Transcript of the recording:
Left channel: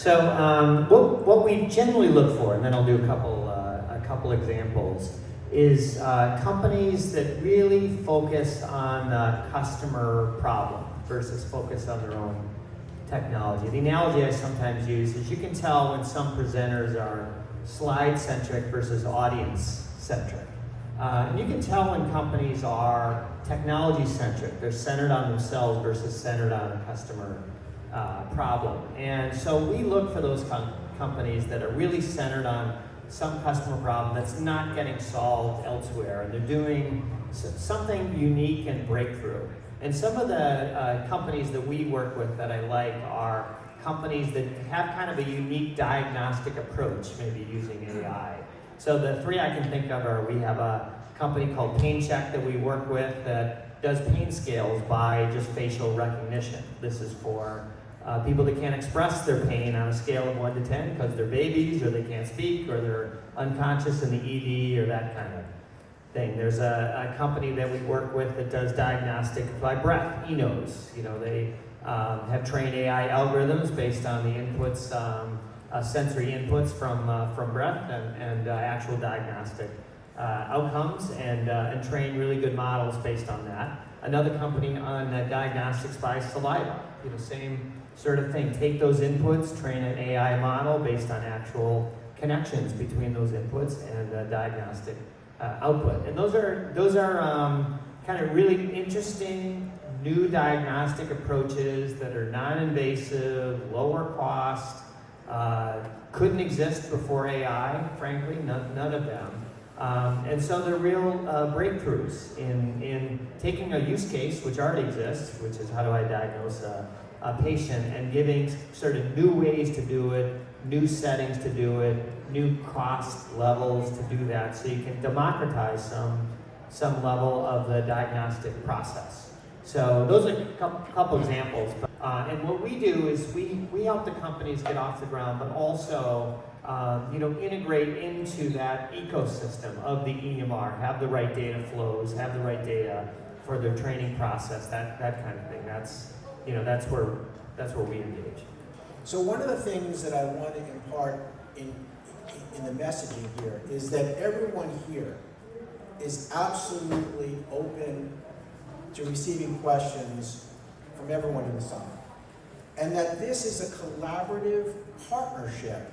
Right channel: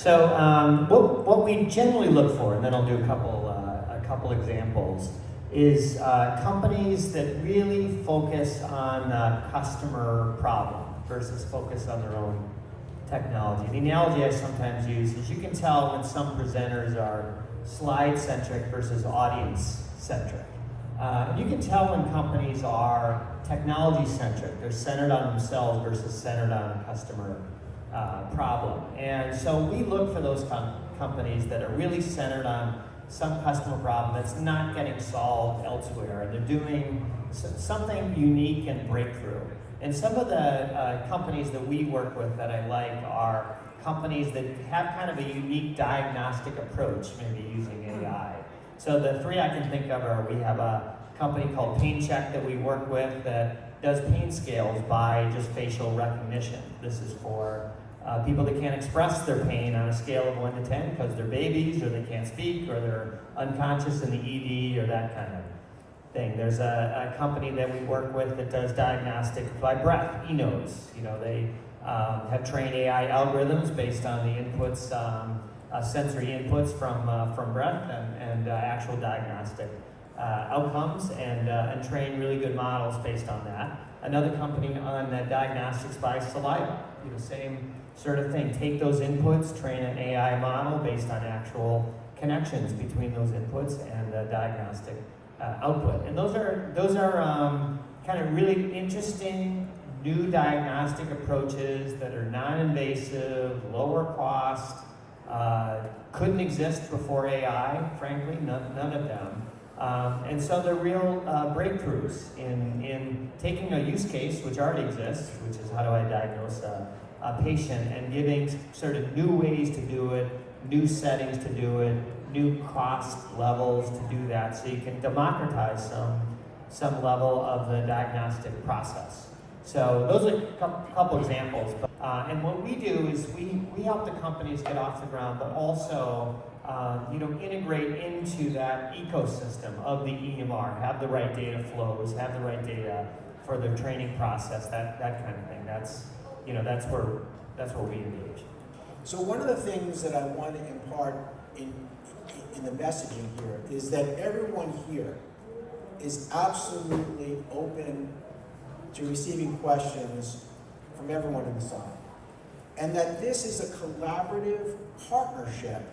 So what we generally look for, and then I'll do a couple examples, is companies that really focus on the customer problem versus focus on their own technology. The analogy I sometimes use is you can tell when some presenters are slide-centric versus audience-centric. And you can tell when companies are technology-centric. They're centered on themselves versus centered on a customer problem. And so we look for those companies that are really centered on some customer problem that's not getting solved elsewhere, and they're doing something unique and breakthrough. And some of the companies that we work with that I like are companies that have kind of a unique diagnostic approach, maybe using AI. So the three I can think of are, we have a company called Pain Check that we work with that does pain scales by just facial recognition. This is for people that can't express their pain on a scale of 1 to 10 because they're babies, or they can't speak, or they're unconscious in the ED, or that kind of thing. There's a company that we work with that does diagnostic by breath, eNose. You know, they have trained AI algorithms based on the inputs, sensory inputs from breath and actual diagnostic outcomes, and train really good models based on that. Another company on diagnostics by saliva, you know, same sort of thing. Take those inputs, train an AI model based on actual connections between those inputs and diagnostic output. And those are kind of really interesting new diagnostic approaches that are non-invasive, lower cost, couldn't exist before AI, frankly, none of them. And so they're real breakthroughs in taking a use case which already exists, which is how do I diagnose a patient, and giving sort of new ways to do it, new settings to do it, new cost levels to do that, so you can democratize some level of the diagnostic process. So those are a couple examples. And what we do is we help the companies get off the ground, but also integrate into that ecosystem of the EMR, have the right data flows, have the right data for their training process, that kind of thing. That's where we engage. So one of the things that I want to impart in the messaging here is that everyone here is absolutely open to receiving questions from everyone in the side. And that this is a collaborative partnership